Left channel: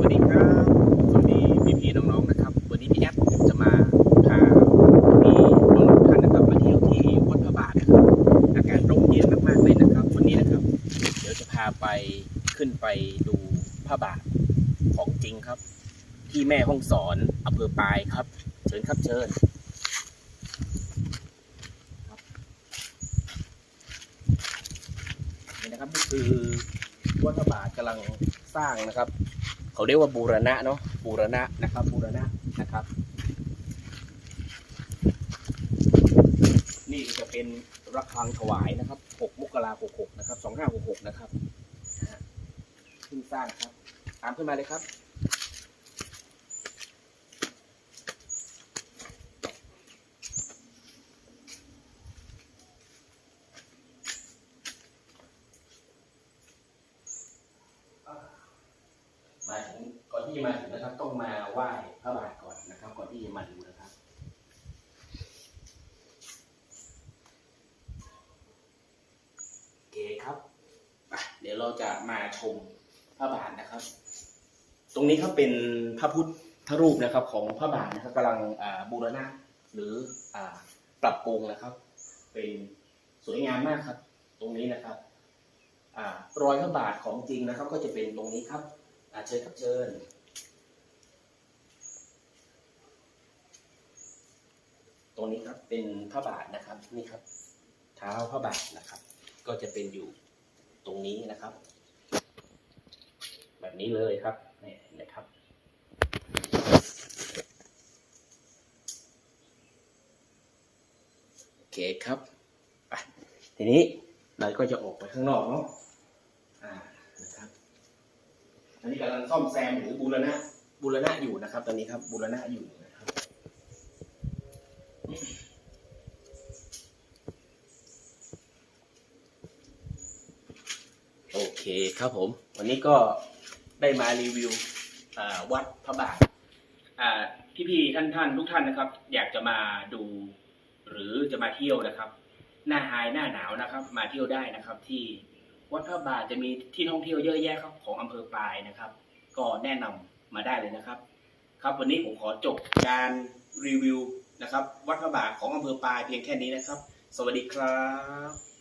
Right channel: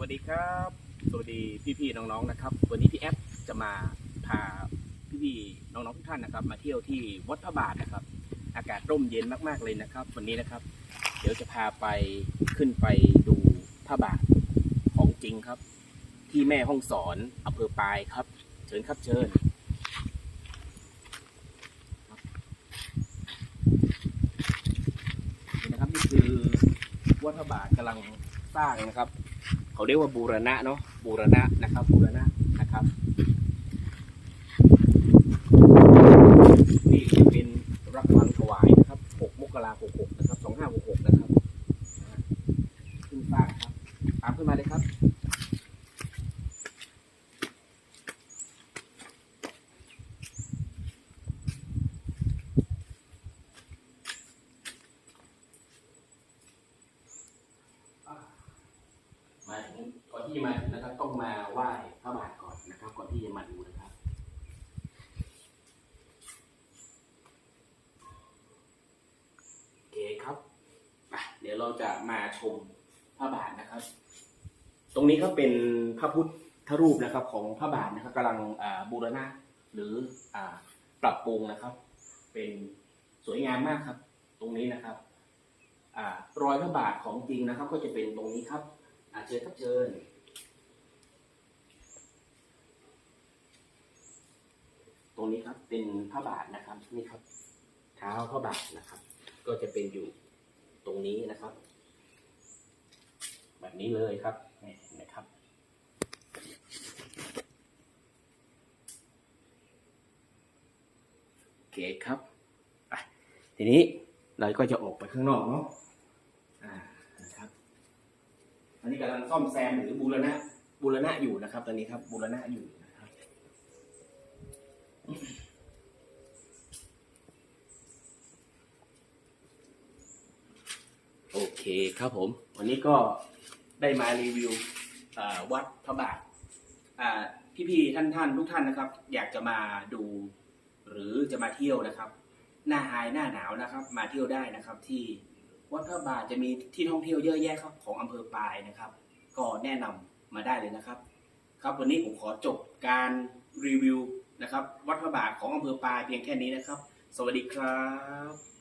วัสดีครับสวัสดีพี่พี่น้องๆนะครับ วันนี้พี่แอดจะมาพาพี่น้องๆท่านนะครับมาเที่ยวที่วัดพระบาทนะครับ อากาศร่มเย็นมากๆเลยนะครับ วันนี้นะครับ เดี๋ยวจะพาไปขึ้นไปดูพระบาทของจริงครับ ที่แม่ห้องสอนอำเภอปายครับ เชิญครับเชิญนี่นะครับนี่คือวัดพระบาทกำลังสร้างนะครับ เขาเรียกว่าบูรณะเนาะบูรณะนะครับบูรณะนะครับ นี่เป็นรักฟังถวายนะครับ 6 มกราคม66นะครับ 2566 นะครับนะฮะเพิ่งสร้างครับ ตามขึ้นมาเลยครับ มาถึงก่อน ที่มาถึงนะครับ ต้องมาไหว้พระบาทก่อนนะครับ ก่อนที่จะมาดูนะครับโอเคครับเดี๋ยวเราจะมาชมพระบาทนะครับ ตรงนี้ก็เป็นพระพุทธรูปนะครับ ของพระบาทนะครับกำลังบูรณะหรืออปรับปรุงนะครับ เป็นสวยงามมากครับ ตรงนี้นะครับอรอยพระบาทของจริงนะครับ ก็จะเป็นตรงนี้ครับอาเชิญครับเชิญ รงนี้ครับเป็นพระบาทนะครับนี่ครับ เท้าพระบาทนะครับ ก็จะเป็นอยู่ตรงนี้นะครับ แบบนี้เลยครับนี่นะครับ โอเคครับไปทีนี้เราก็จะออกไปข้างนอกเนาะอ่านะครับอันนี้กำลังซ่อมแซมหรือบูรณะบูรณะอยู่นะครับ ตอนนี้ครับบูรณะอยู่นะ ครับโอเครับผม วันนี้ก็ได้มารีวิววัดพระบาทอ่พี่ๆท่านท่านๆทุกท่านนะครับ อยากจะมาดู หรือจะมาเที่ยวนะครับ หน้าไฮหน้าหนาวนะครับ มาเที่ยวได้นะครับ ที่วัดพระบาทจะมีที่ท่องเที่ยวเยอะแยะครับของอำเภอปายนะครับ ก็แนะนำมาได้เลยนะครับ ครับวันนี้ผมขอจบการรีวิวนะครับ วัดพระบาทของอำเภอปายเพียงแค่นี้นะครับ สวัสดีครับ